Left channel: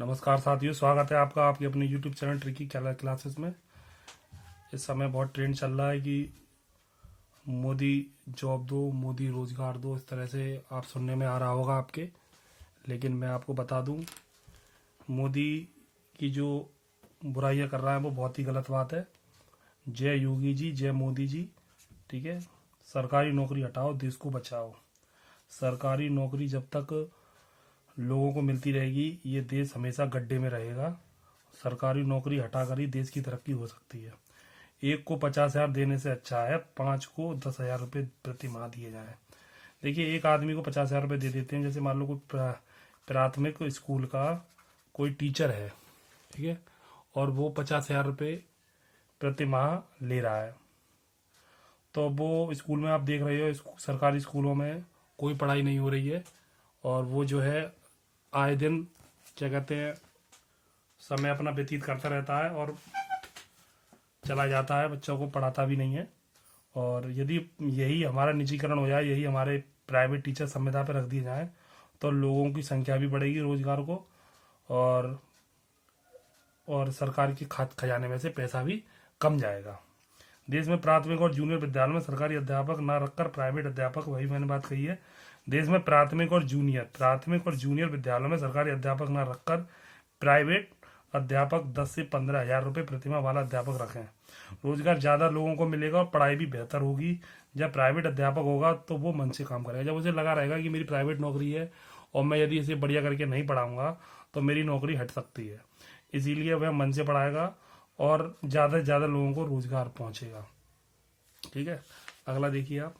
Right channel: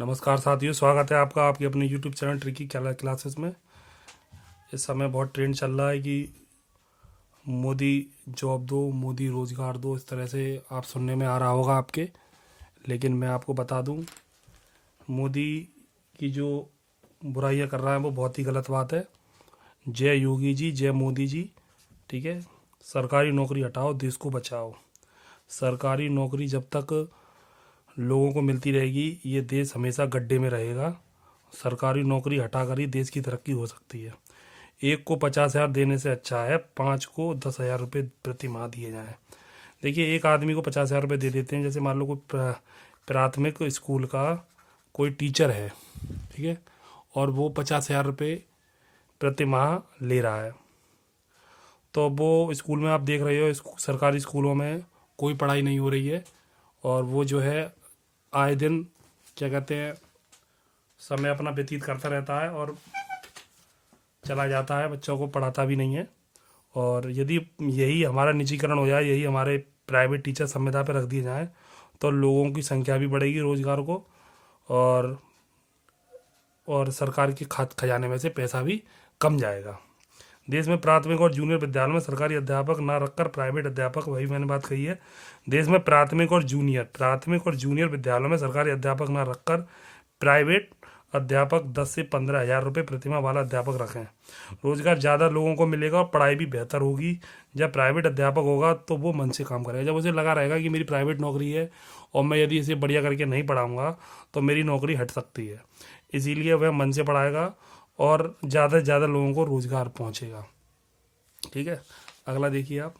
नमस्कार साथियों, स्वागत है आपका आपके अपने YouTube चैनल ट्रिकी क्लासेस में। इस समय बहुत ट्रेंड चल रहा है कि मोदी जॉब दो, मोदी रोज़गार दो, इस तरह से आप सुनने में आ रहा होगा आपके। लेकिन मैं आपको बता दूं, मोदी की जो बुराइयां कर रहा है वो बहुत ही गलत बात है। जय योगी जी, जय मोदी जी। ठीक है, सरकारी नौकरी हटाओ, देश को बचाओ। सरकारी नौकरी जब तक लोगों को मिलती रहेगी, ये देश हमेशा गड्ढे में रहेगा। सरकारी नौकरी हटाकर ही देश की तरक्की हो सकती है। एक को 50,000 देने से अच्छा है 5 को 10,000 रुपये प्रति माह दिए जाएं। देखिए, एक आदमी को 50,000 रुपये दे देते हैं। जैसे मान लो कोई प्राथमिक स्कूल का कोई टीचर है, ठीक है, और वो 50,000 रुपये प्रति माह ले रहा है। तो वो स्कूल में आप देख रहे हो, सरकारी स्कूलों में कोई पढ़ाई नहीं हो रही है, और वो जो है आए दिन क्या कहते हैं, समय अपना व्यतीत करता रहता है और चला जाता है, बच्चों को पढ़ाता भी नहीं है। और यदि यही हमारा निजीकरण हो जाए, यही हमारे प्राइवेट टीचर संविदा पर रख दिए जाएँ, तो लोगों की संख्या भी बढ़ेगी, रोजगार को, और सरकार के खजाने में से पैसा भी कम जाएगा। देश में प्राथमिक और जूनियर विद्यालय में सरकारी अध्यापक न रखकर प्राइवेट अध्यापक, वही मैंने बात कही है, देश में प्राथमिक और जूनियर विद्यालयों में सरकारी अध्यापक न रखकर प्राइवेट अध्यापक 10 से 15,000 रुपये प्रतिमाह वाला अध्यापक रखें। रोजगार ज़्यादा लोगों को मिलेगा और पढ़ाई भी बेहतर होगी। जब प्राइवेट अध्यापक होगा तो वो मन से काम करेगा। जब उसे लगा रहेगा कि मेरी प्राइवेट नौकरी है और मैं यदि इसे बढ़िया करके नहीं पढ़ाऊँगा तो मेरी नौकरी हट सकती है, इसीलिए वह मन से पढ़ाएगा और ज़्यादा से ज़्यादा लोगों को रोज़गार पहुँचेगा। ठीक है, अगला देखिए आप।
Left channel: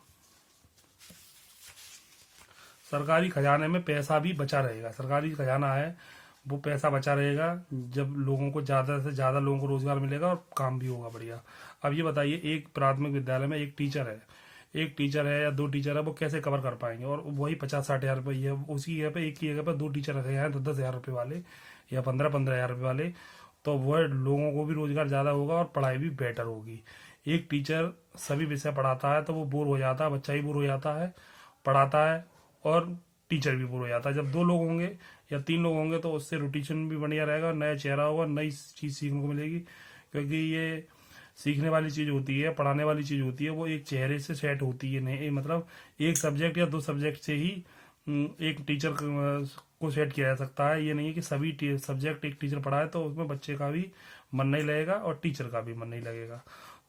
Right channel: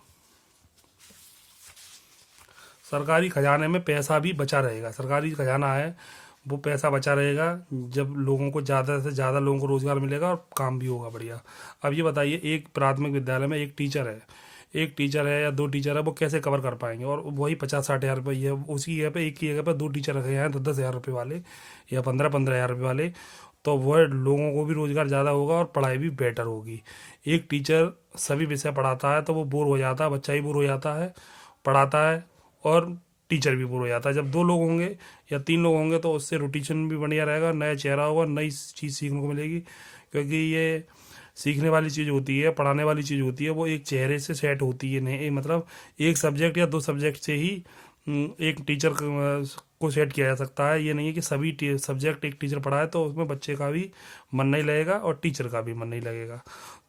सरकारी खजाने में पैसा भी बचा रहेगा। सरकारी खजाना है, वो पैसा बचा रहेगा जब लोगों को ज़्यादा से ज़्यादा लोगों को रोज़गार मिलेगा और काम भी होगा बढ़िया। अब ये बताइए, एक प्राथमिक विद्यालय में एक टीचर है या 2 टीचर है, वो कैसे कवर कर पाएंगे? और वही 50-60 हज़ार रुपये, उसी जगह पे एक ही जगह पर 2 टीचर रखे हैं 10-10 हज़ार रुपये वाले या 15-15 हज़ार रुपये वाले, तो वह लोगों को भी रोज़गार ज़्यादा होगा और पढ़ाई भी बेटर होगी। एक टीचर सभी विषय पढ़ाता है तो वो बोर हो जाता है, बच्चा ही बोर हो जाता है, पढ़ाता है, और टीचर भी बोर हो जाता है। जब 2 लोग होंगे या 3 लोग होंगे तो उससे रोटेशन भी बढ़िया रहेगा, नया चेहरा होगा, नई चीज़ सीखने को मिलेगी। क्योंकि ये सीखने वाली चीज़ होती है, पढ़ाने वाली चीज़ होती है, वो एक चेहरे से सेट होती है। नहीं मतलब एक सब्जेक्ट या 2 सब्जेक्ट से ही एक टीचर को सेट किया जा सकता है। ये नहीं है कि सभी सब्जेक्ट एक टीचर पढ़ाए तो उसमें बच्चे का भी मन नहीं लगेगा और टीचर का भी मन नहीं लगेगा।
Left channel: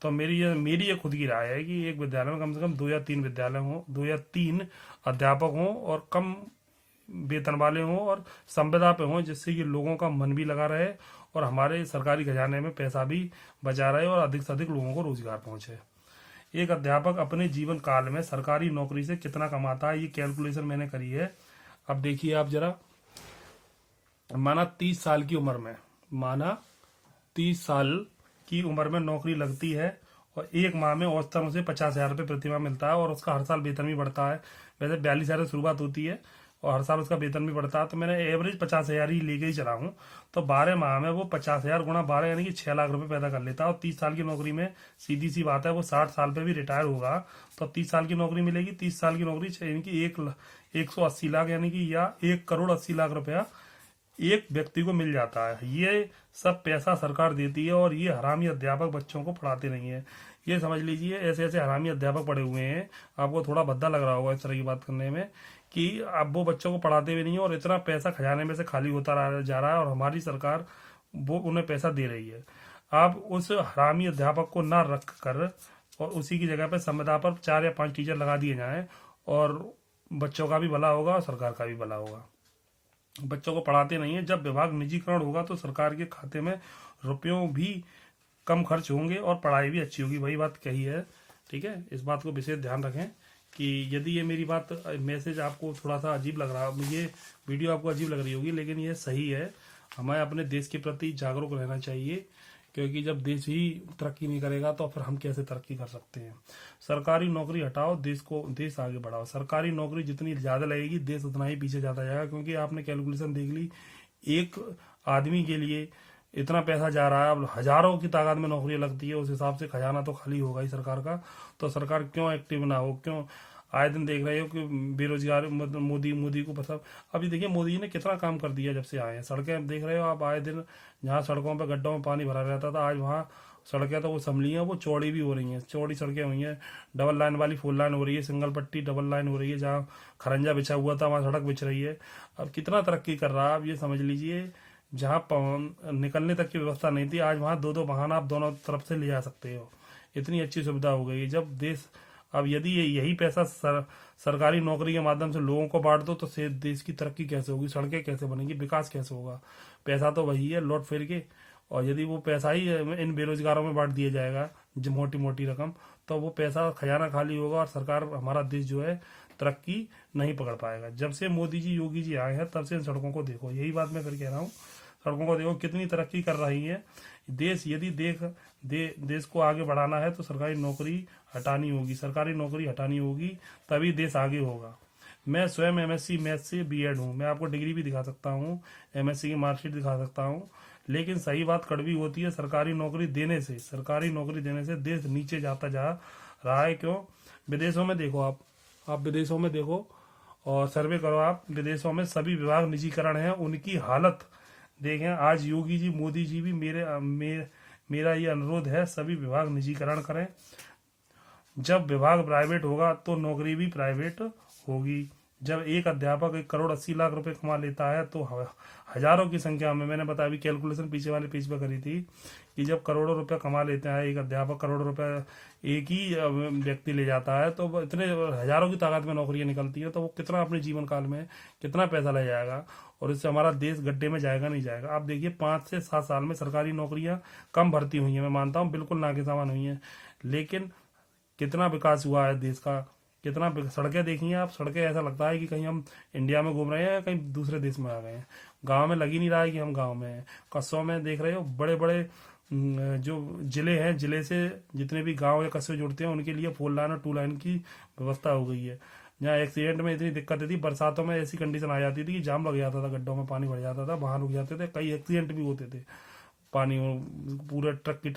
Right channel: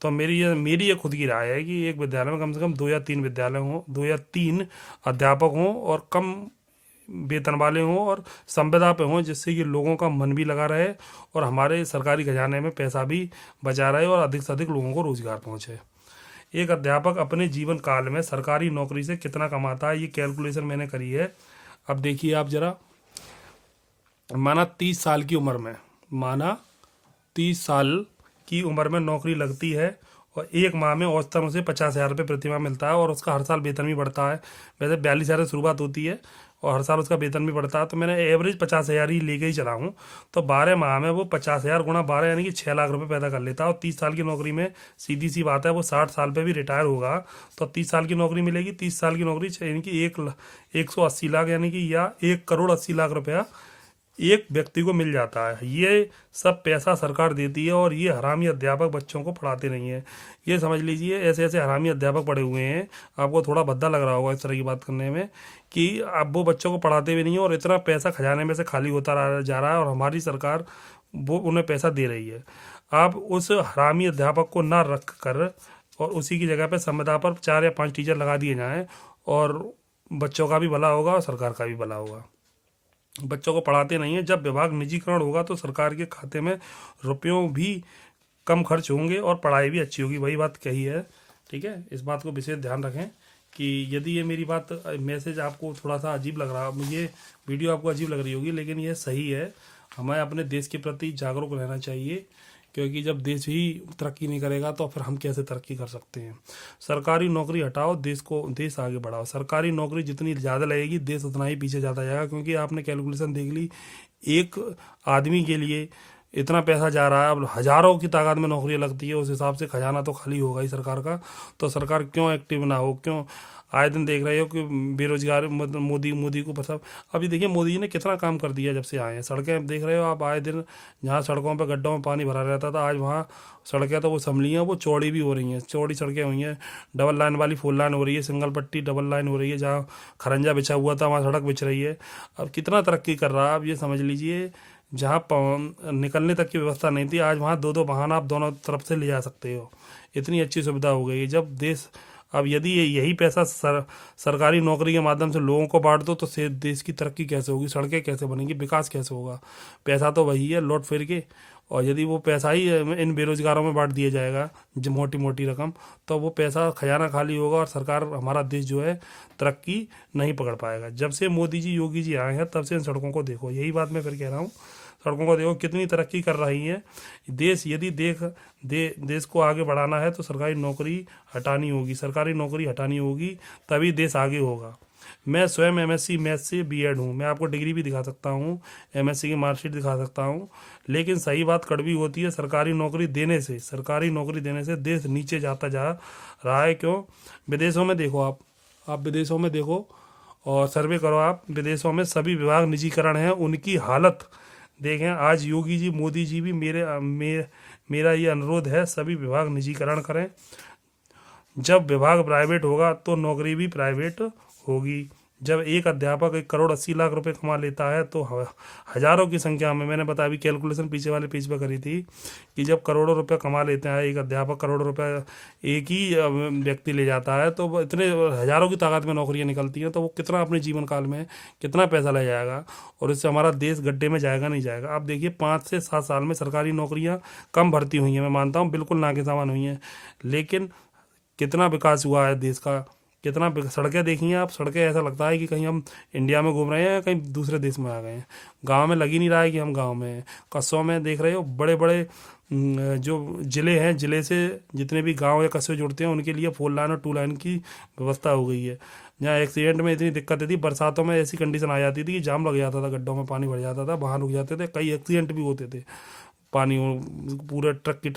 तो मेरी ये खुद की राय है कि एक विद्यालय में कम से कम 2 या 3 विद्यालय हों, 2 या 3 अध्यापक हों और कम वेतन वाले हों और संविदा पे हों, जिससे कि लोगों का मन भी लगा रहे और हमारे सरकारी खजाने में पैसा भी बचा रहे और अधिक से अधिक लोगों को रोजगार पहुंचे। एक अध्यापक अपने जीवन काल में सरकारी नौकरी से कितना कमाता है, ये कैलकुलेशन मैंने करी है। अब देखिए आप जरा, माना 30 साल की उम्र में, 30 साल की उम्र में नौकरी लगती है और एक माह में औसतन उसे 50,000 रुपये प्रतिमाह मिलता है और उसका हर साल वेतन भी बढ़ता है। वैसे 42,000 से शुरुआत होती है और हर साल उसका वेतन भी बढ़ता है, तो मैंने एवरेज 50,000 ही लेके ही चला हूँ। तो 12 माह में वो 50,000 गुणा 12 यानी कि 6 लाख रुपए पैदा कर लेता है। और 30 साल की नौकरी में सीधी सी बात है, वो 60 साल पे भी रिटायर होगा तो 30 साल की नौकरी मिलेगी। 30 साल की नौकरी यानी कि 180 लाख यानी कि या 1,80,00,000 रुपया एक व्यक्ति को मिल जाता है। ये सब पैसा सरकार देती है और ये हरामी अध्यापक बच्चों को पढ़ाते नहीं है। ये समझ लीजिए, ऐसे ऐसे हरामी अध्यापक पढ़े हुए हैं, आपको थोड़ा भद्दा लग रहा होगा इस तरह की बात करने में, कि अब वो बच्चों को पढ़ाते भी नहीं है और इतना पैसा खजाने में से खाली होता जा रहा है और हमारी सरकार वो उन्हें पैसा दे रही है। आप उस हरामी अध्यापक को ना रख कर और उसी की जगह पे संविदा पर 4 या 5 टीचर लगा दिए जाएं और बच्चों का भी भला होगा और सरकार का भी भला होगा। बच्चों को पढ़ाते नहीं है। जब विभाग निजीकरण होगा तो सरकार के खाते में रुपयों भी कम खर्च होंगे और पढ़ाई भी अच्छी होगी। वही बात कही है, ठीक है। इस बात को विशेष ध्यान रखें कि यदि ये मेरी बात मैसेज आपको थोड़ा सा अजीब लग रहा, ये वीडियो आपको अजीब लग रही होगी, लेकिन ये सही है। हमें अपने देश के प्रति जागरूक रहना चाहिए, क्योंकि जब देश ही तरक्की नहीं करेगा तो फिर हम कैसे तरक्की कर सकते हैं। सरकारी नौकरी हटाओ, देश आगे बढ़ाओ। सरकारी नौकरी जितनी ज़्यादा लगेगी देश उतना ही पीछे जाता जाएगा, क्योंकि आपने कैलकुलेशन देख ली, एक आदमी के लिए इतना पैसा जा रहा है। अब हज़ारों की तादाद में नौकरियां लगती है, उस हिसाब से खजाना तो खाली होगा ही सरकार का। तो सरकार क्यों एक्टिव ना हो, क्यों आए दिन देख रहे हो कि बेरोजगार मतलब मोदी मोदी को पता। अभी देखिए मोदी जी ने कितना काम कर दिया जब से आए हैं। सड़कें देख रहे हो आप, आए दिन जहाँ सड़कों पर गड्ढों में पानी भरा रहता था, आज वहाँ सड़कें तो वो संभली हैं, वो चौड़ी भी हो रही हैं, चौड़ी सड़कें हुई हैं, डबल लाइन वाली 4 लाइन हो रही है, सिंगल पट्टी डबल लाइन हो रही है, जहाँ खरंजा बिछा हुआ था वहाँ सड़क बिछ रही है। अब कितना तरक्की कर रहा है, आप ये समझ लीजिए। जहाँ निकलने तक की व्यवस्था नहीं थी, आज वहाँ दो दो वाहन आप दोनों तरफ से ले जा सकते हो। इतनी अच्छी सुविधा हो गई है। जब देश, अब यदि यही पैसा सरकारी नौकरी के माध्यम से लोगों को बांट दो तो से देश की तरक्की कैसे होगी, सड़कें कैसे बनेंगी, विकास कैसे होगा। पैसा तो वही है लौट फिर के। और यदि वो पैसा ही इन बेरोजगारों में बांट दिया जाएगा जो मोटी मोटी रकम, तो वो पैसा खजाना खाली होगा और सरकार, हमारा देश जो है तरक्की नहीं पकड़ पाएगा। जब से मोदी जी योगी जी आए हैं तब से इन सड़कों को देखो, यही बात मैं फिर कह रहा हूँ, सड़कों को देखो कितनी तरक्की कर रही है देश। यदि देश को आगे बढ़ाना है तो सरकारी नौकरी हटानी होगी, सरकारी नौकरी हटानी होगी, तभी देश आगे होगा। मैं स्वयं एमएससी मैथ्स से बीएड हूँ, मैं आपको डिग्री भी दिखा सकता हूँ, एमएससी की मार्कशीट दिखा सकता हूँ। लेकिन सही बात कड़वी होती है, सरकारी नौकरी देने से देश नीचे जाता जा रहा है। क्यों? विदेशों में देखो आप विदेशों में देखो और सर्वे करो आप, विदेशों में सभी विभाग निजीकरण हैं, उनकी हालत देखें। आज योगी जी मोदी जी भी मेरा ये अनुरोध है, सभी विभाग निजीकरण करें। जब विभाग प्राइवेट होगा तो नौकरी भी प्राइवेट होगी। जब एक अध्यापक 1,80,00,000 रुपए कमा लेता है तो हजारों की संख्या में, मैंने बताया अभी कैलकुलेशन पीछे वाले पेज पर करी थी कि जब करोड़ों रुपए कमा लेते हैं एक अध्यापक, करोड़ों रुपए एक ही व्यक्ति ले जाता है, तो वो इतने हजारों की तादाद में नौकरियां निकलती हैं, तो वो कितना अपने जीवन काल में कितना पैसा ले जाएगा और इससे हमारा देश गड्ढे में जाएगा नहीं जाएगा। आप देखिए 5 से 7 साल में सरकारी नौकरियां कम भर्ती हुई हैं, मैं मानता हूँ बिल्कुल ना के समान हुई हैं, लेकिन कितना विकास हुआ है देश का, कितना सड़कें देखी हैं आप, सड़कें ऐसा लगता है कि कहीं हम इंडिया में घूम रहे हैं या कहीं दूसरे देश में आ गए हैं। गांव में लग ही नहीं रहा है कि हम गांव में हैं। कस्बों में देख रहे हो बड़े बड़े जो ज़िले हैं, ज़िले से जितने भी गांव या कस्बे जुड़ते हैं उनके लिए 4 लाइन और 2 लाइन की व्यवस्था हो गई है। जहाँ एक्सीडेंट में इतनी दिक्कतें थी, बरसातों में ऐसी कंडीशन आ जाती थी कि जाम लग जाता था, गड्ढों में पानी भर जाता था, वाहन रुक जाते थे, कई एक्सीडेंट भी होते थे। पानी पूरे ट्रक की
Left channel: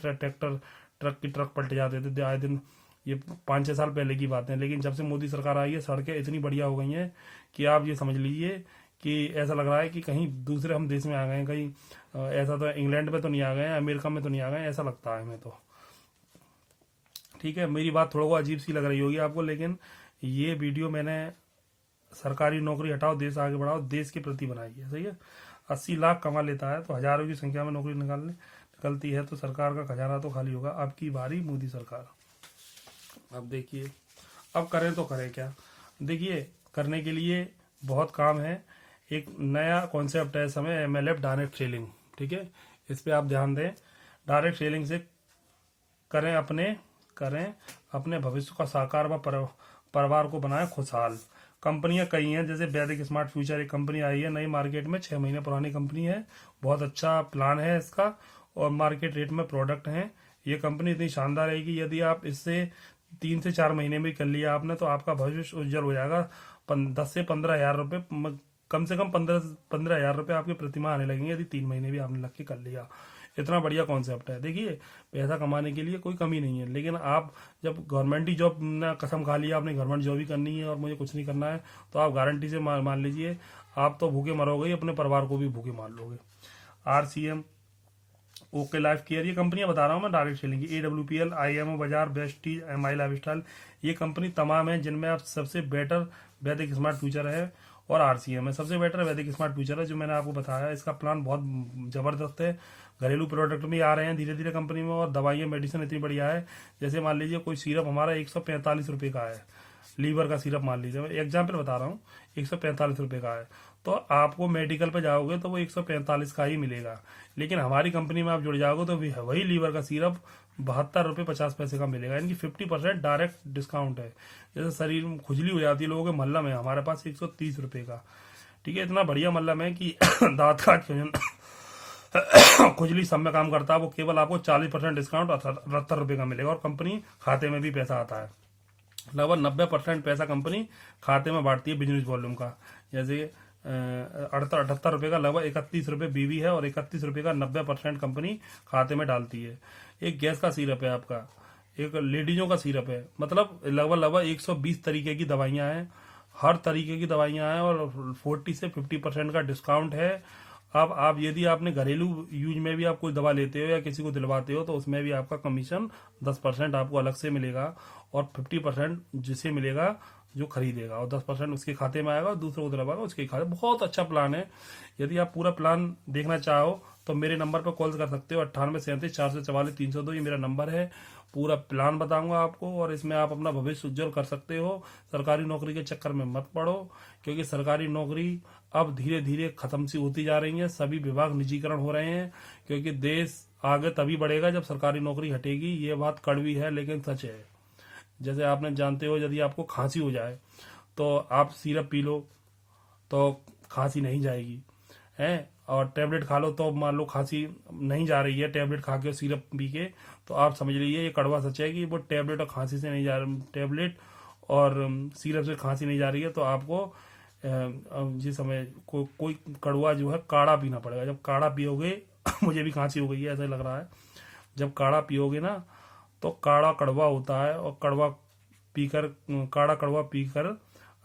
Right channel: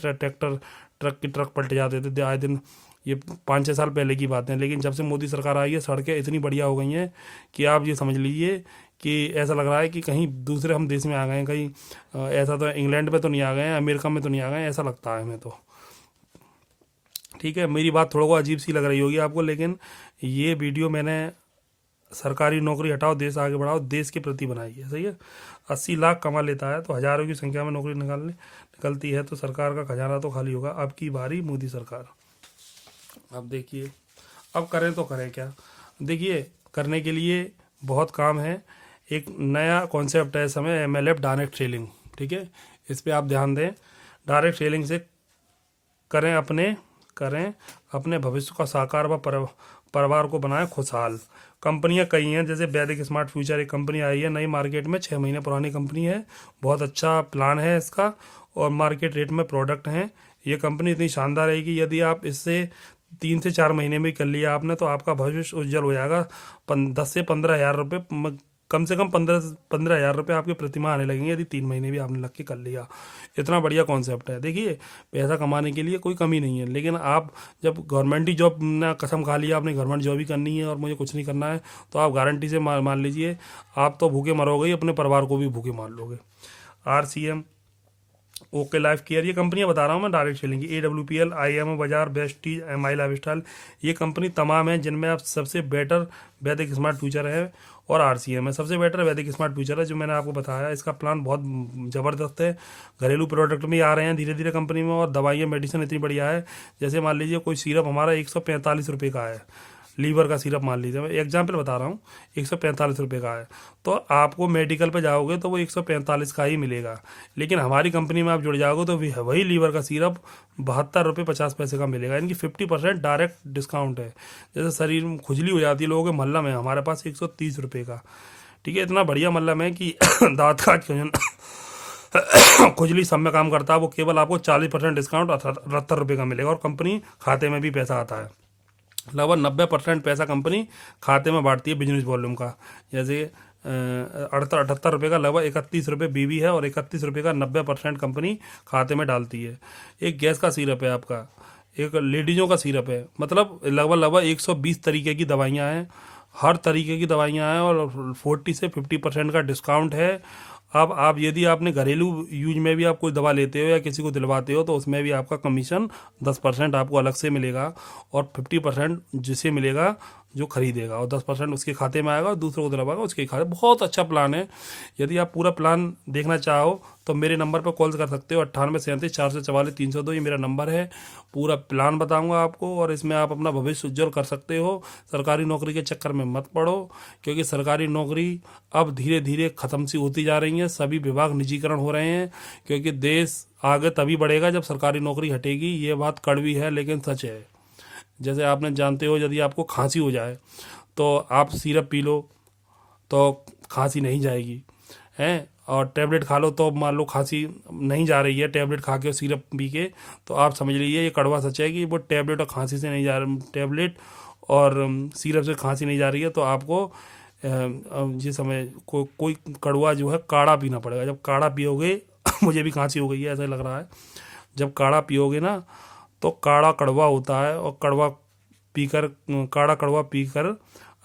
ट्रक पलट जाते थे आए दिन। ये 5-6 साल पहले की बात है, लेकिन जब से मोदी सरकार आई है सड़कें इतनी बढ़िया हो गई हैं कि आप ये समझ लीजिए कि ऐसा लग रहा है कि कहीं दूसरे हम देश में आ गए हैं, कहीं ऐसा तो इंग्लैंड में तो नहीं आ गए हैं, अमेरिका में तो नहीं आ गए हैं, ऐसा लगता है हमें तो। ठीक है, मेरी बात थोड़ा को अजीब सी लग रही होगी आपको, लेकिन ये वीडियो मैंने सरकारी नौकरी हटाओ देश आगे बढ़ाओ देश के प्रति बनाई है। सही है, 80 लाख कमा लेता है तो हजारों की संख्या में नौकरी निकलती है तो सरकार का खजाना तो खाली होगा। अब की बारी मोदी सरकार। अब देखिए, अब करें तो करें क्या। देखिए, करने के लिए बहुत काम है। एक नया कॉन्सेप्ट है इस समय, एमएलएफ डायरेक्ट सेलिंग। ठीक है, इस पे आप ध्यान दें। डायरेक्ट सेलिंग से करें अपने भविष्य का साकार व परिवार को बनाएं खुशहाल। कंपनियां कई हैं, जैसे वैदिक स्मार्ट फ्यूचर एक कंपनी आई है नई मार्केट में, 6 महीने पुरानी कंपनी है, बहुत अच्छा प्लान है इसका और मार्केट रेट में प्रोडक्ट हैं। ये कंपनी इतनी शानदार है कि यदि आप इससे 3 से 4 महीने में कर लिया आपने तो आपका भविष्य उज्जवल हो जाएगा। 10 से 15 हज़ार रुपये, कम से कम 15 हज़ार रुपये आपके प्रतिमाह आने लगेंगे यदि 3 महीने भी आपने लग के कर लिया। इतना बढ़िया कॉन्सेप्ट है। देखिए, पैसा कमाने के लिए कोई कमी नहीं है, लेकिन आप जब गवर्नमेंट ही जॉब ना कसम खा लिया आपने गवर्नमेंट जॉब ही करनी है और मुझे कुछ नहीं करना है, तो आप गारंटी से मान लीजिए आप तो भूखे मरोगे ही, अपने परिवार को भी भूखे मार लोगे। RCM, ओके लाइफ केयर, ये कंपनियां बता रहा हूँ मैं डायरेक्ट सेलिंग की। AWPL, IMO बाजार, बेस्टीज, MI लाइफस्टाइल, ये कंपनी तमाम है जिनमें आप सबसे बेटर वैदिक स्मार्ट फ्यूचर है और RCM है। सबसे बेटर वैदिक स्मार्ट फ्यूचर है जो मैंने आपको बताया। इसका प्लान बहुत ज़बरदस्त है। घरेलू प्रोडक्ट भी आ रहे हैं धीरे धीरे कंपनी में और दवाइयाँ मेडिसिन इतनी बढ़िया है। जैसे मान लीजिए कोई सिरप हमारा 145 रुपये का है, लीवर का सिरप मान लीजिए, मैं एग्जाम्पल बता रहा हूँ, 145 रुपये का है, तो आपको मेडिकल पे जाओगे तो वो 145 का ही मिलेगा। लेकिन हमारी कंपनी में आप जुड़ जाओगे तो वही लीवर का सिरप 72 रुपये 50 पैसे का मिलेगा। इनकी 50% डायरेक्ट डिस्काउंट है। जैसे शरीर में खुजली हो जाती है लोगों के, मल्लम है हमारे पास 130 रुपये का। ठीक है, इतना बढ़िया मल्लम है कि दांत का खुजली सब में काम करता है। वो केवल आपको 40% डिस्काउंट 78 रुपये का मिलेगा और कंपनी खाते में भी पैसा आता है। लगभग 90% पैसा कंपनी खाते में बांटती है बिजनेस वॉल्यूम का। जैसे 78 रुपये का लगभग 31 रुपये बीवी है और 31 रुपये का 90% कंपनी खाते में डालती है। एक गैस का सिरप है आपका, एक लेडीज़ों का सिरप है, मतलब लगभग लगभग 120 तरीके की दवाइयाँ हैं, हर तरीके की दवाइयाँ हैं, और 40 से 50% का डिस्काउंट है। अब आप यदि आपने घरेलू यूज में भी आप कोई दवा लेते हो या किसी को दिलवाते हो तो उसमें भी आपका कमीशन 10% आपको अलग से मिलेगा, और 50% जिसे मिलेगा जो खरीदेगा, और 10% उसके खाते में आएगा और दूसरों को दिलवाएगा उसके खाते। बहुत अच्छा प्लान है। यदि आप पूरा प्लान देखना चाहो तो मेरे नंबर पर कॉल कर सकते हो, 98 37 444 302, ये मेरा नंबर है। पूरा प्लान बताऊंगा आपको, और इसमें आप अपना भविष्य उज्जवल कर सकते हो। सरकारी नौकरी के चक्कर में मत पड़ो, क्योंकि सरकारी नौकरी अब धीरे धीरे ख़त्म सी होती जा रही है। सभी विभाग निजीकरण हो रहे हैं, क्योंकि देश आगे तभी बढ़ेगा जब सरकारी नौकरी हटेगी। ये बात कड़वी है लेकिन सच है। जैसे आपने जानते हो, यदि आपको खांसी हो जाए तो आप सिरप पी लो तो खांसी नहीं जाएगी, हैं, और टैबलेट खा लो तो मान लो खांसी नहीं जा रही है, टैबलेट खा के और सिरप पी के, तो आप समझ लीजिए ये कड़वा सच है कि वो टैबलेट और खांसी से नहीं जा रहा, टैबलेट और सिरप से खांसी नहीं जा रही है, तो आपको जिस समय कोई कड़वा जो है काढ़ा पीना पड़ेगा। जब काढ़ा पियोगे मुझे भी खांसी हो गई है ऐसा लग रहा है, जब काढ़ा पियोगे ना तो काढ़ा कड़वा होता है, और पीकर काढ़ा कड़वा पीकर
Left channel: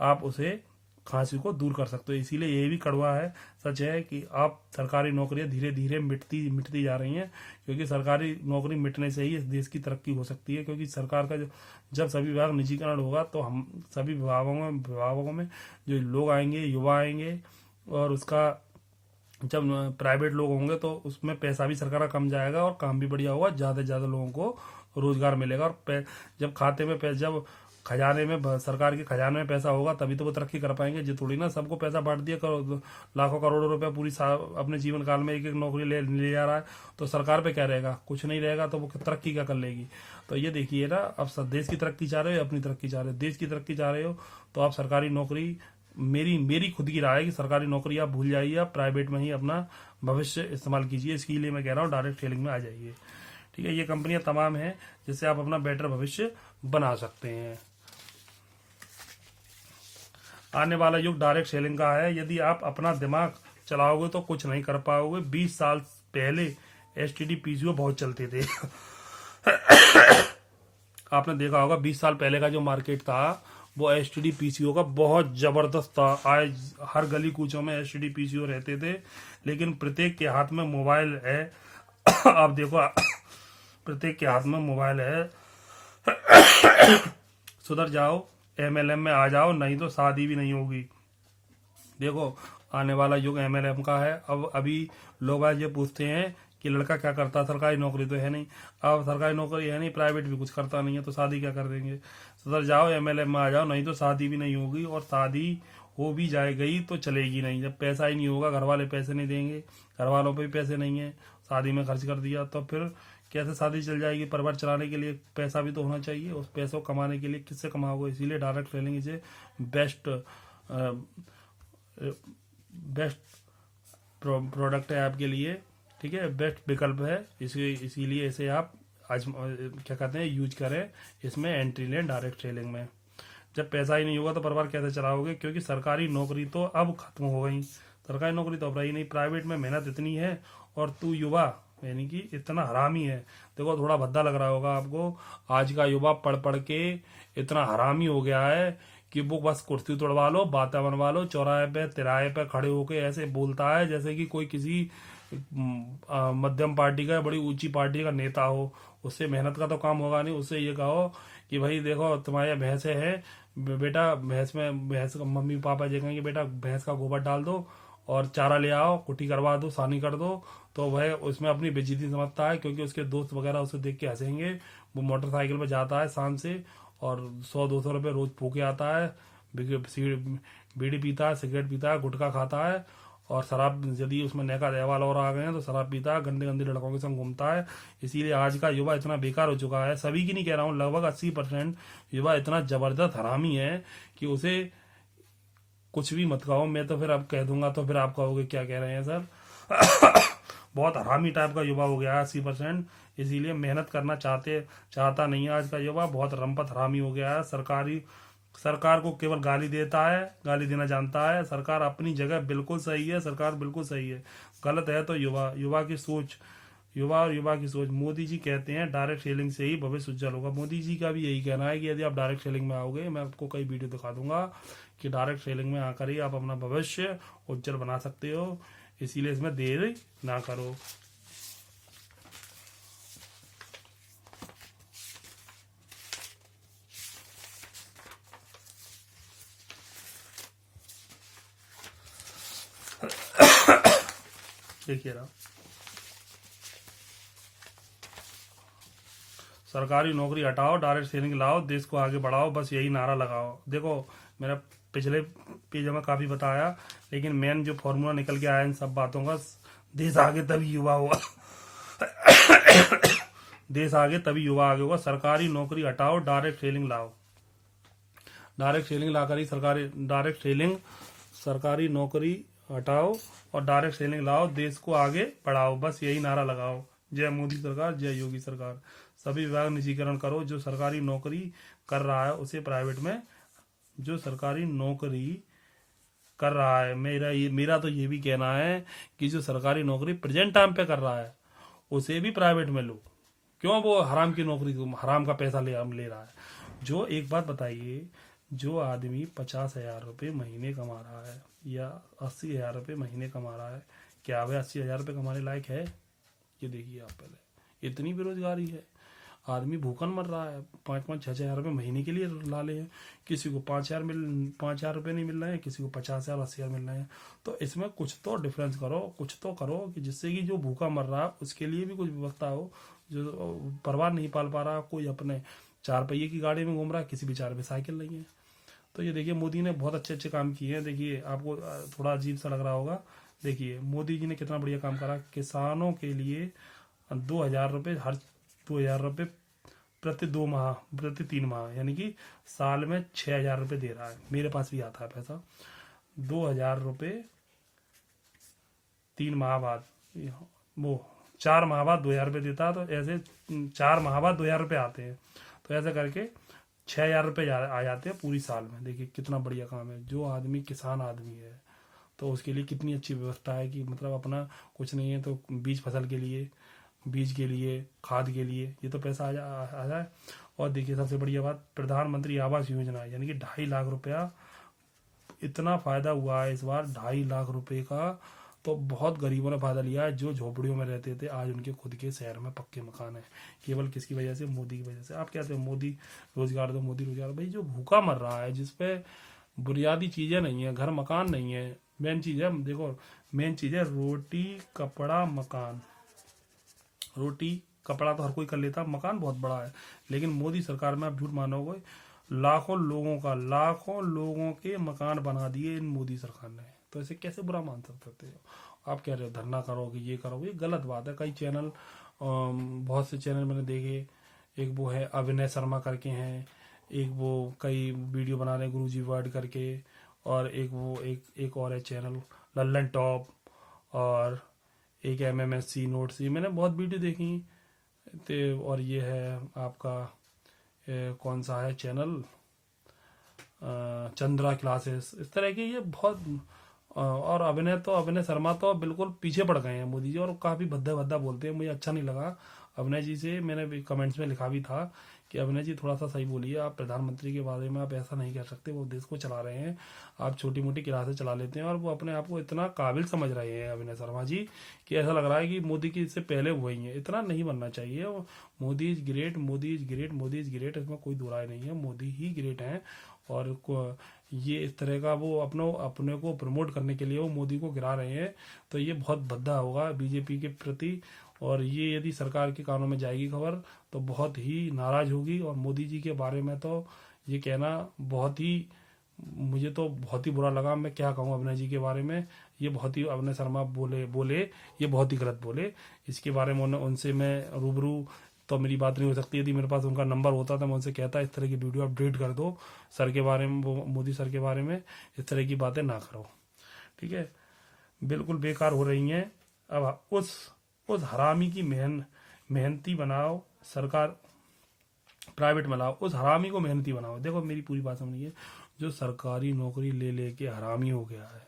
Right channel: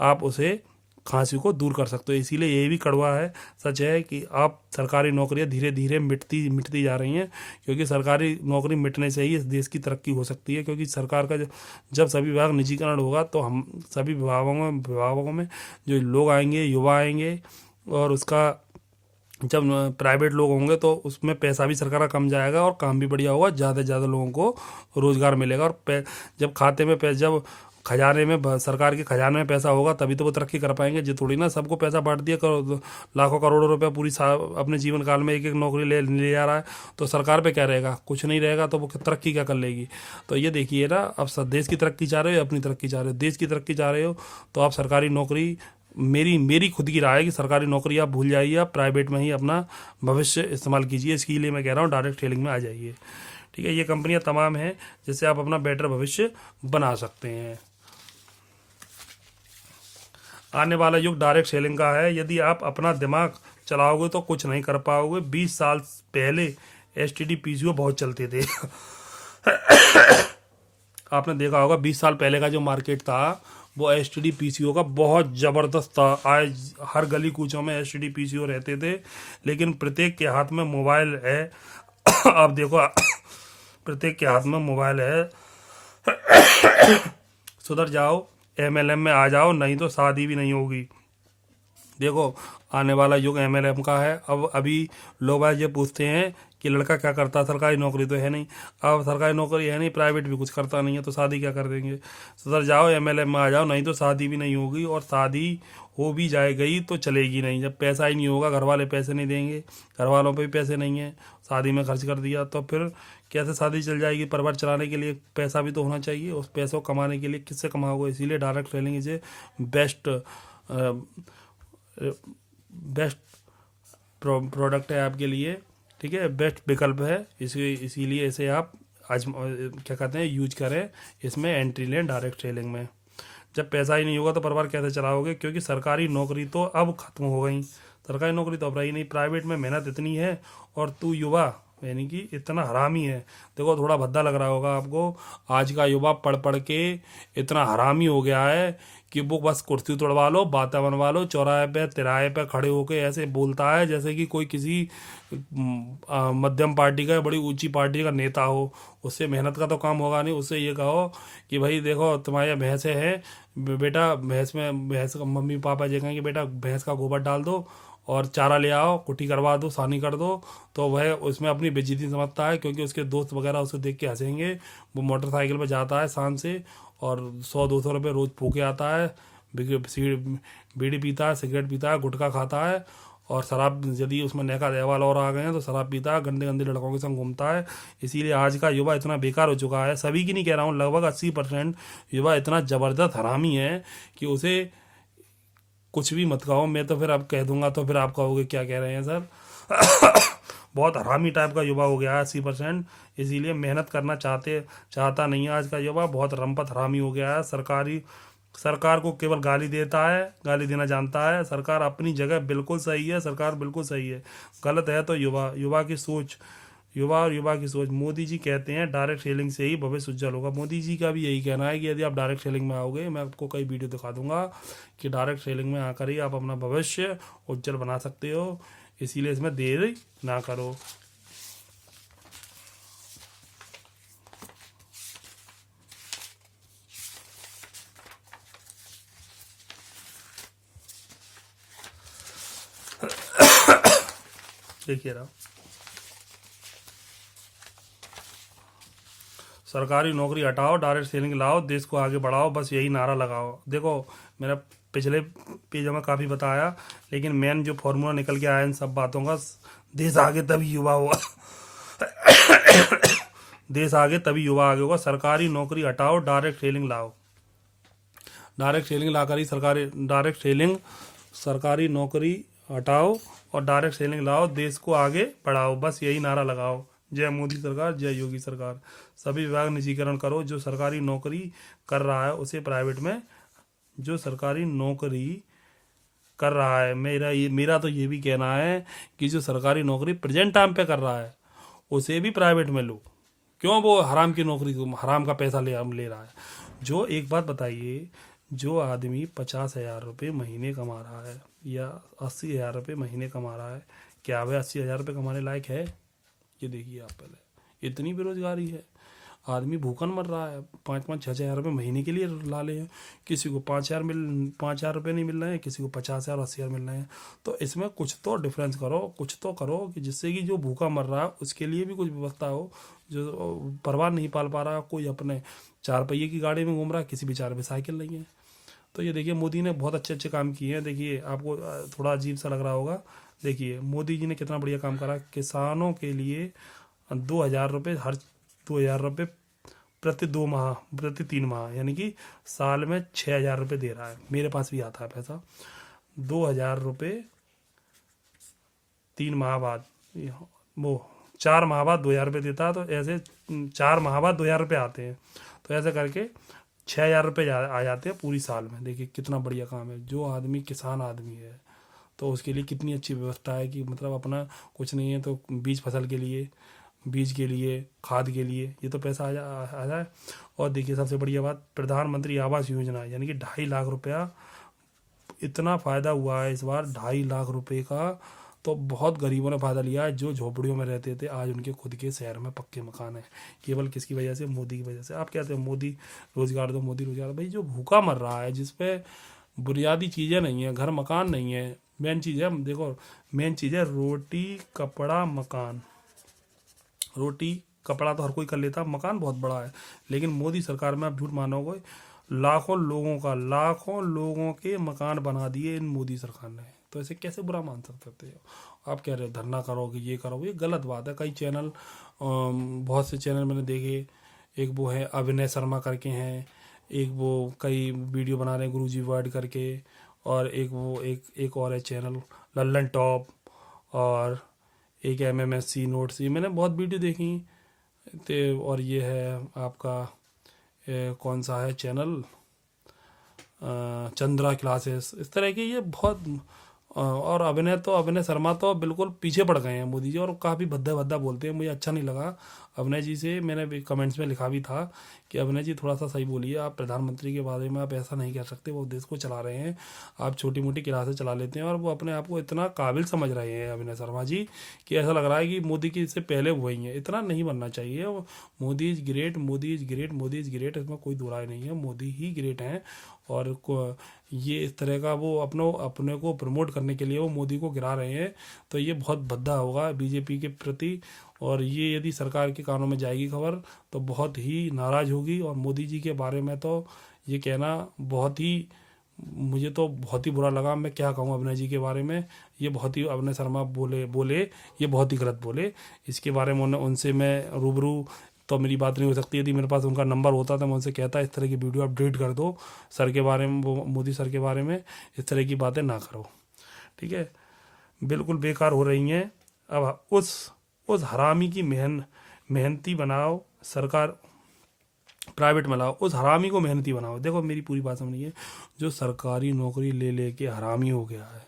आप उसे खांसी को दूर कर सकते हो। इसीलिए ये भी कड़वा है, सच है कि आप सरकारी नौकरियां धीरे धीरे मिटती मिटती जा रही हैं, क्योंकि सरकारी नौकरी मिटने से ही इस देश की तरक्की हो सकती है। क्योंकि सरकार का जब सभी विभाग निजीकरण होगा तो हम सभी विभागों में जो लोग आएंगे, युवा आएंगे, और उसका जब प्राइवेट लोग होंगे तो उसमें पैसा भी सरकार का कम जाएगा और काम भी बढ़िया होगा, ज़्यादा से ज़्यादा लोगों को रोज़गार मिलेगा। और जब खाते में जब खजाने में सरकार के खजाने में पैसा होगा तभी तो वो तरक्की कर पाएंगे। जो थोड़ी ना सबको पैसा बांट दिया लाखों करोड़ों रुपया पूरी अपने जीवन काल में एक एक नौकरी ले जा रहा है, तो सरकार पे क्या रहेगा? कुछ नहीं रहेगा, तो वो तरक्की क्या कर लेगी? तो ये देखिए ना, अब सब देश की तरक्की चाह रहे हो, अपनी तरक्की चाह रहे हो, देश की तरक्की चाह रहे हो, तो आप सरकारी नौकरी, मेरी खुद की राय है कि सरकारी नौकरी आप भूल जाइए, आप प्राइवेट में ही अपना भविष्य इस्तेमाल कीजिए। इसके लिए मैं कह रहा हूँ डायरेक्ट सेलिंग में आ जाइए। ठीक है, ये कंपनियां तमाम हैं जिससे आप अपना बेटर भविष्य बना सकते हैं। आने वाला युग डायरेक्ट सेलिंग का है। यदि आप अपना दिमाग चलाओगे तो कुछ नहीं कर पाओगे। 20 साल पहले एसटीडी पीसीओ बहुत चलते थे आपने देखा होगा 20 साल पहले का जो मार्केट था वो एसटीडी पीसीओ का बहुत ज़बरदस्त था। आज हर गली कूचों में एसटीडी पीसीओ रहते थे, लेकिन प्रत्येक के हाथ में मोबाइल है आप देखो प्रत्येक के हाथ में मोबाइल है सुधर जाओ, एमएलएम में आ जाओ, नहीं तो शादी भी नहीं होगी। देखो, आने वाला युग एमएलएम का है। अब अभी लोग ये पूछते हैं कि लड़का क्या करता है, सरकारी नौकरी तो है नहीं। अब सरकारी नौकरी है नहीं, प्राइवेट भी कुछ करता नहीं है, तो शादी क्या कर देंगे? सुधर जाओ, एमएलएम में आ जाओ, नहीं तो शादी भी नहीं होगी। और शादी हो भी जाए गई तो चलेगी नहीं, जब पैसा ही नहीं होगा, घर वाले पैसे नहीं देंगे, घर वालों पे भी पैसे नहीं है, शादी में खर्च कर दिया, तो फिर कैसे शादी चल जाएगी? परिवार चलाने के लिए पैसा भी तो होना चाहिए। उस पैसों कमाने के लिए किससे कमाओगे? इसीलिए डायरेक्ट सेलिंग इसे बेस्ट बेस्ट प्रोडक्ट है आपके लिए। ठीक है, बेस्ट विकल्प है, इसीलिए इसे आप आज क्या कहते हैं यूज करें, इसमें एंट्री लें डायरेक्ट सेलिंग में। जब पैसा ही नहीं होगा तो परिवार कैसे चलाओगे? क्योंकि सरकारी नौकरी तो अब खत्म हो गई, सरकारी नौकरी तो अब रही नहीं। प्राइवेट में मेहनत इतनी है, और तू युवा यानी कि इतना हरामी है। देखो, थोड़ा भद्दा लग रहा होगा आपको, आज का युवा पढ़ पढ़ के इतना हरामी हो गया है कि वो बस कुर्सी तोड़वा लो, बातें बनवा लो, चौराहे पे तिराहे पे खड़े होके ऐसे बोलता है जैसे कि कोई किसी मध्यम पार्टी का, बड़ी ऊंची पार्टी का नेता हो। उससे मेहनत का तो काम होगा नहीं। उससे ये कहो कि भाई देखो, तुम्हारे भैंसें हैं, बेटा भैंस का मम्मी पापा ये कहेंगे बेटा भैंस का गोबर डाल दो और चारा ले आओ, कुट्टी करवा दो, सानी कर दो, तो वह उसमें अपनी बेइज्जती समझता है, क्योंकि उसके दोस्त वगैरह उसे देख के हंसेंगे। वो मोटरसाइकिल पर जाता है शान से, और 100-200 रुपये रोज़ फूके आता है, बीड़ी पीता है, सिगरेट पीता है, गुटखा खाता है, और शराब, यदि उसमें नया लेवल और आ गए हैं तो शराब पीता है, गंदे गंदे लड़कों के संग घूमता है। इसीलिए आज का युवा इतना बेकार हो चुका है। सभी की नहीं कह रहा हूँ, लगभग 80% युवा इतना ज़बरदस्त हरामी है कि उसे कुछ भी मत कहो। मैं तो फिर अब कह दूंगा तो फिर आप कहोगे क्या कह रहे हैं सर बहुत हरामी टाइप का युवा हो गया है 80%। इसीलिए मेहनत करना चाहता नहीं है आज का युवा, बहुत रंपत हरामी हो गया है। सरकार को केवल गाली देता है, गाली देना जानता है। सरकार अपनी जगह बिल्कुल सही है, सरकार बिल्कुल सही है। गलत है तो युवा की सोच युवा और युवा की सोच। मोदी जी कहते हैं डायरेक्ट सेलिंग से ही भविष्य उज्जवल होगा। मोदी जी का भी यही कहना है कि यदि आप डायरेक्ट सेलिंग में आओगे, मैं आपको कई वीडियो दिखा दूंगा कि डायरेक्ट सेलिंग में आकर ही आप अपना भविष्य उज्जवल बना सकते हो, इसीलिए इसमें देर ना करो। देखिए रहा, सरकारी नौकरी हटाओ, डायरेक्ट सेलिंग लाओ, देश को आगे बढ़ाओ, बस यही नारा लगाओ। देखो मैंने पिछले पेज में काफ़ी बताया, लेकिन मेन जो फॉर्मूला निकल के आया इन सब बातों का, देश आगे तभी युवा होगा। देश आगे तभी युवा आगे होगा। सरकारी नौकरी हटाओ, डायरेक्ट सेलिंग लाओ। डायरेक्ट सेलिंग लाकर ही सरकारी नौकरी हटाओ और डायरेक्ट सेलिंग लाओ, देश को आगे बढ़ाओ, बस यही नारा लगाओ। जय मोदी सरकार, जय योगी सरकार। सभी विभाग निजीकरण करो। जो सरकारी नौकरी कर रहा है उसे प्राइवेट में, जो सरकारी नौकरी कर रहा है, मेरा तो ये भी कहना है कि जो सरकारी नौकरी प्रेजेंट टाइम पे कर रहा है उसे भी प्राइवेट में लो। क्यों वो हराम की नौकरी, हराम का पैसा ले रहा है। जो एक बात बताइए, जो आदमी 50,000 रुपये महीने कमा रहा है या 80,000 रुपये महीने कमा रहा है, क्या वह 80,000 रुपये कमाने लायक है? ये देखिए आप पहले, इतनी बेरोजगारी है, आदमी भूखन मर रहा है। 5-5, 6,000 रुपये महीने के लिए ला ले हैं। किसी को 5,000 रुपये नहीं मिल रहे हैं, किसी को 50,000, 80,000 मिल रहे हैं। तो इसमें कुछ तो डिफरेंस करो, कुछ तो करो कि जिससे कि जो भूखा मर रहा है उसके लिए भी कुछ व्यवस्था हो। जो परिवार नहीं पाल पा रहा, कोई अपने 4 पहिए की गाड़ी में घूम रहा है, किसी बेचारे पे साइकिल नहीं है। तो ये देखिए मोदी ने बहुत अच्छे अच्छे काम किए हैं। देखिए आपको थोड़ा अजीब सा लग रहा होगा, देखिए मोदी जी ने कितना बढ़िया काम करा। किसानों के लिए 2,000 रुपये, हर 2,000 रुपये प्रति 2 माह, प्रति 3 माह, यानी कि साल में 6,000 रुपये दे रहा है। मेरे पास भी आता है पैसा। 2,000 रुपये 3 माह बाद, वो 4 माह बाद 2,000 रुपये देता है। तो ऐसे 4 माह बाद 2,000 रुपये आते हैं। तो ऐसे करके 6,000 रुपये आ जाते हैं पूरी साल में। देखिए कितना बढ़िया काम है। जो आदमी किसान आदमी है तो उसके लिए कितनी अच्छी व्यवस्था है कि मतलब अपना कुछ नहीं है तो बीज फसल के लिए, बीज के लिए, खाद के लिए ये तो पैसा आ जाए। और देखिए सबसे बढ़िया बात, प्रधानमंत्री आवास योजना, यानी कि 2.5 लाख रुपया, इतना फ़ायदा हुआ है इस बार 2.5 लाख रुपए का। तो बहुत गरीबों ने फ़ायदा लिया है। जो झोपड़ियों में रहते थे आज उनके खुद के शहर में पक्के मकान हैं। केवल किसकी वजह से? मोदी की वजह से। आप कहते हैं मोदी रोजगार दो, मोदी रोजगार। भाई जो भूखा मर रहा है, जिस पे बुनियादी चीज़ें नहीं है, घर मकान नहीं है, मेन चीज़ है, देखो मेन चीज़ है रोटी कपड़ा मकान। रोटी कपड़ा तो हर कोई कर लेता, मकान बहुत बड़ा है। लेकिन मोदी सरकार में आप झूठ मानोगे, लाखों लोगों के मकान बना दिए इन मोदी सरकार ने। तो ऐसे कैसे बुरा मान सकते हो? आप कह रहे धरना करो कि ये करो, ये गलत बात है। कई चैनल, बहुत से चैनल मैंने देखे, एक वो है अभिनय शर्मा करके हैं, एक वो कई वीडियो बना रहे हैं गुरुजी वर्ड करके, और एक और है चैनल लल्लन टॉप, और एक MMSC नोट्स। ये मैंने बहुत वीडियो देखी। तो और ये है आपका कौन सा है चैनल, चंद्रा क्लासेस, इस तरह की ये बहुत। और अभिनय शर्मा तो बिल्कुल पीछे पड़ गए हैं मोदी जी, और काफ़ी भद्दा भद्दा बोलते हैं। मुझे अच्छा नहीं लगा अभिनय जी से। मैंने भी कमेंट्स में लिखा भी था कि अभिनय जी थोड़ा सा सही बोलिए, आप प्रधानमंत्री के बारे में आप ऐसा नहीं कह सकते। वो देश को चला रहे हैं, आप छोटी मोटी क्लासें चला लेते हैं, और वो अपने आप को इतना काबिल समझ रहे हैं अभिनय शर्मा जी कि ऐसा लग रहा है कि मोदी की इससे पहले हुए ही हैं। इतना नहीं बनना चाहिए। Modi is great, Modi is great, Modi is great, इसमें कोई दो राय नहीं है। मोदी ही ग्रेट हैं। और ये इस तरह का वो अपने को प्रमोट करने के लिए वो मोदी को गिरा रहे हैं। तो ये बहुत भद्दा होगा बीजेपी के प्रति, और ये यदि सरकार के कानों में जाएगी खबर तो बहुत ही नाराज़ होगी। और मोदी जी के बारे में तो ये कहना बहुत ही, मुझे तो बहुत ही बुरा लगा। मैं क्या कहूँ अभिनय जी के बारे में, ये बहुत ही, अभिनय शर्मा बोले ये बहुत ही गलत बोले। इसके बारे में उनसे मैं रूबरू तो मेरी बात नहीं हो सकती। यदि मेरे पास उनका नंबर होता तो मैं उनसे कहता इस तरह की वीडियो आप डिलीट कर दो, सर के बारे में, वो मोदी सर के बारे में इस तरह की बातें ना करो, ठीक है? बिल्कुल बेकार हो रही हैं। अब उस हरामी की मेहनती बनाओ, सरकार प्राइवेट में लाओ, उस हरामी को मेहनती बनाओ। देखो मेरी पूरी बात समझिए, जो सरकारी नौकरी ले के हरामी हो गया है,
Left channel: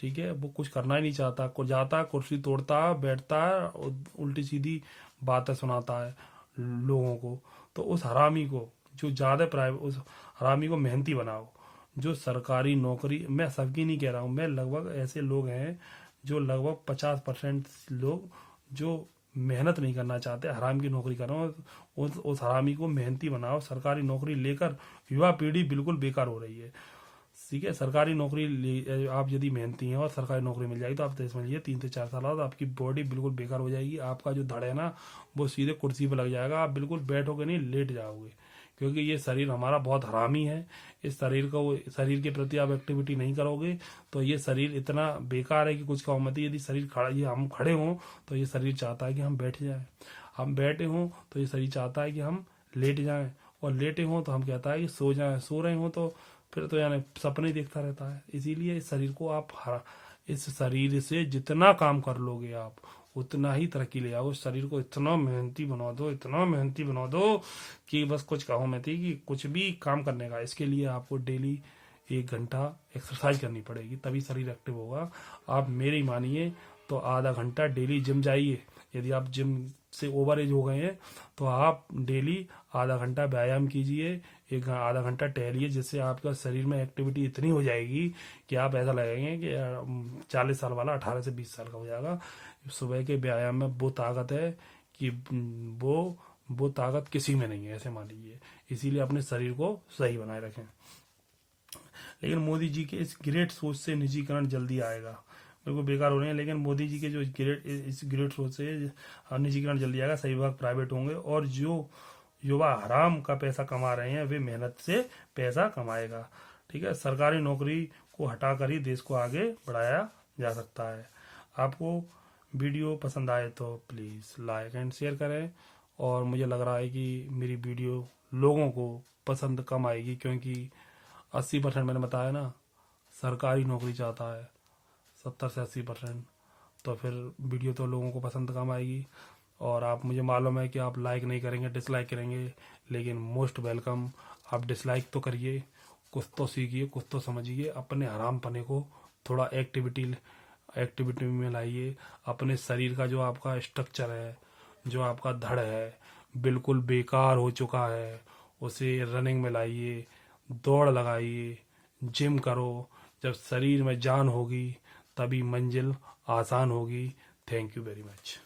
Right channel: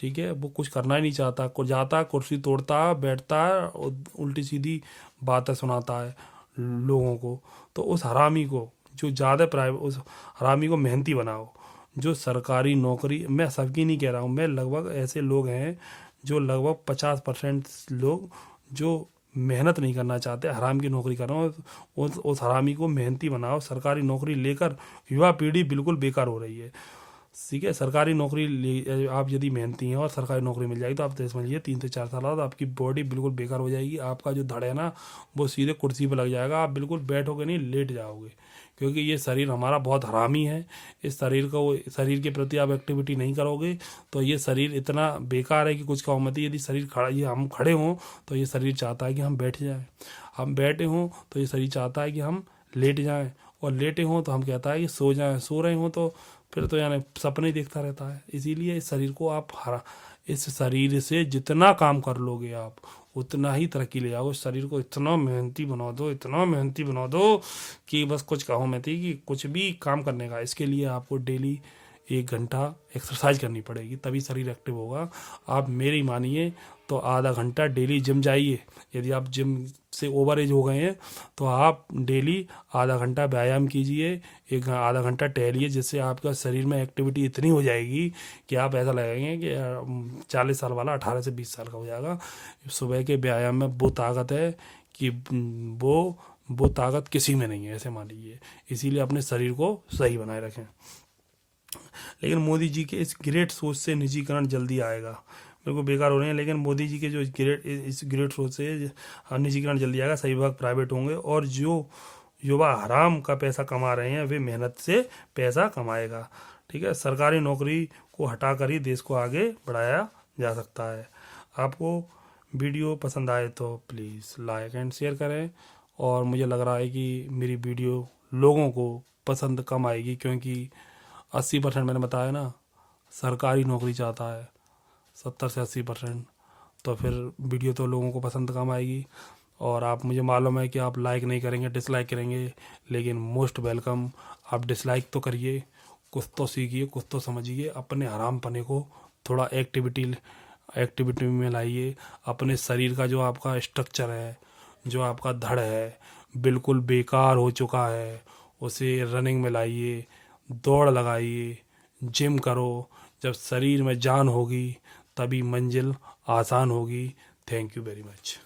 ठीक है, वो कुछ करना ही नहीं चाहता, को जाता कुर्सी तोड़ता बैठता और उल्टी सीधी बातें सुनाता है लोगों को। तो उस हरामी को जो ज़्यादा प्राइवेट, उस हरामी को मेहनती बनाओ। जो सरकारी नौकरी, मैं सबकी नहीं कह रहा हूँ, मैं लगभग ऐसे लोग हैं जो लगभग 50% लोग जो मेहनत नहीं करना चाहते, हराम की नौकरी कर रहे हो। उस हरामी को मेहनती बनाओ। सरकारी नौकरी लेकर युवा पीढ़ी बिल्कुल बेकार हो रही है। ठीक है, सरकारी नौकरी आप यदि मेहनती हैं और सरकारी नौकरी मिल जाएगी तो आप तो समझिए 3 से 4 साल बाद आपकी बॉडी बिल्कुल बेकार हो जाएगी। आपका जो धड़ है ना वो सीधे कुर्सी पर लग जाएगा, आप बिल्कुल बैठोगे नहीं, लेट जाओगे। क्योंकि ये शरीर हमारा बहुत हरामी है। इस शरीर के प्रति आप एक्टिविटी नहीं करोगे तो ये शरीर इतना बेकार है कि कुछ का मत ही। यदि शरीर खड़ा, ये हम खड़े हों तो ये शरीर चाहता है कि हम बैठ जाएं, हम बैठे हों तो ये शरीर चाहता है कि हम लेट जाएं, और लेटे हों तो हम कहता है कि सो जाएं, सो रहे हों तो फिर तो यानी सपने देखता रहता है। इसीलिए इस शरीर को आप इस शरीर से जितना काम कर लोगे आप उतना ही तरक्की ले जाओगे। शरीर को इतना मेहनती बना दो, इतना मेहनती बना दो कि बस कुछ कहो मैं थी कि कुछ भी काम करने का। इसके लिए आपको डेली 1 घंटा एक्सरसाइज करनी पड़ेगी, तभी शरीर एक्टिव होगा। आप मेरी मानिए तो आधा घंटा डेली जिम जाइए। यदि आप जिम से ओवर एज हो गए हैं तो आप डेली आधा घंटा व्यायाम कीजिए, आधा घंटा टहलिए, जिससे आपका शरीर में एक्टिविटी इतनी हो जाएगी कि आप ऐसा लगेंगे कि 40 साल वाला 18 से 20 साल का हो जाएगा। सुबह के व्यायाम में वो ताकत है कि वो ताकत किसी में नहीं है, ऐसे मान लीजिए। इसीलिए अपने शरीर को सही बनाए रखें। लेकिन मोदी जी के इस ग्रेट सोच से निजीकरण जल्दी आएगा। मेरे को बेकार हो रहे हैं, लेकिन मोदी जी के जो इस ग्रेट सोच से निजीकरण जल्दी आएगा। सही विभाग प्राइवेट होंगे और जो युवा हराम का पैसा कमा रहे हैं वे मेहनत से पैसा कमाएगा। ठीक है, सरकारी नौकरी को हटाकर ही देश को आगे बढ़ाया जा सकता है। आपको वीडियो पसंद आए तो प्लीज़ लाइक एंड शेयर करें। और मुझे लग रहा है कि मेरी वीडियो लोगों को पसंद कम आएगी, क्योंकि 80% मैंने बताया ना सरकारी नौकरी चाहता है, 70 से 80%। तो फिर वीडियो तो लोगों को पसंद कम आएगी। और आप, मुझे मालूम है कि आप लाइक नहीं करेंगे, डिसलाइक करेंगे, लेकिन मोस्ट वेलकम। आप डिसलाइक तो करिए, कुछ तो सीखिए, कुछ तो समझिए। अपने हराम पने को थोड़ा एक्टिविटी में लाइए। अपने शरीर का जो आपका स्ट्रक्चर है, जो आपका धड़ है, बिल्कुल बेकार हो चुका है, उसे रनिंग में लाइए, दौड़ लगाइए, जिम करो। जब शरीर में जान होगी तभी मंजिल आसान होगी। Thank you very much.